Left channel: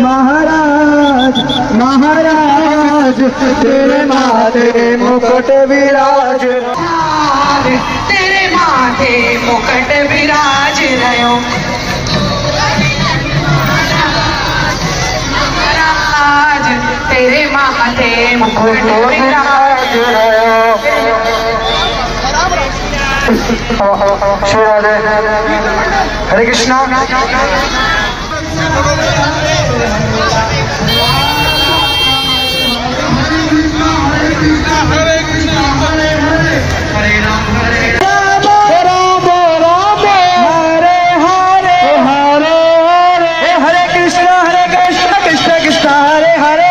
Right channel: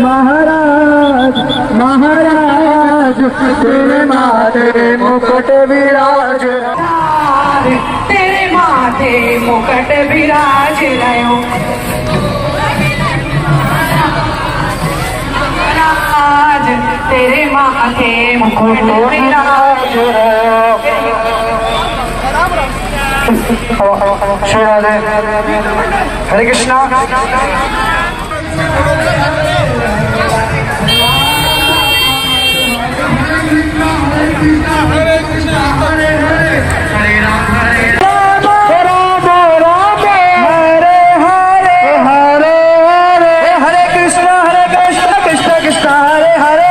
महाराज महाराज तेरे माथे मुकुट विराज, तेरे माथे मुकुट विराज रयो महाराज, तेरे माथे मुकुट विराज रयो। हरे कृष्णा। हरे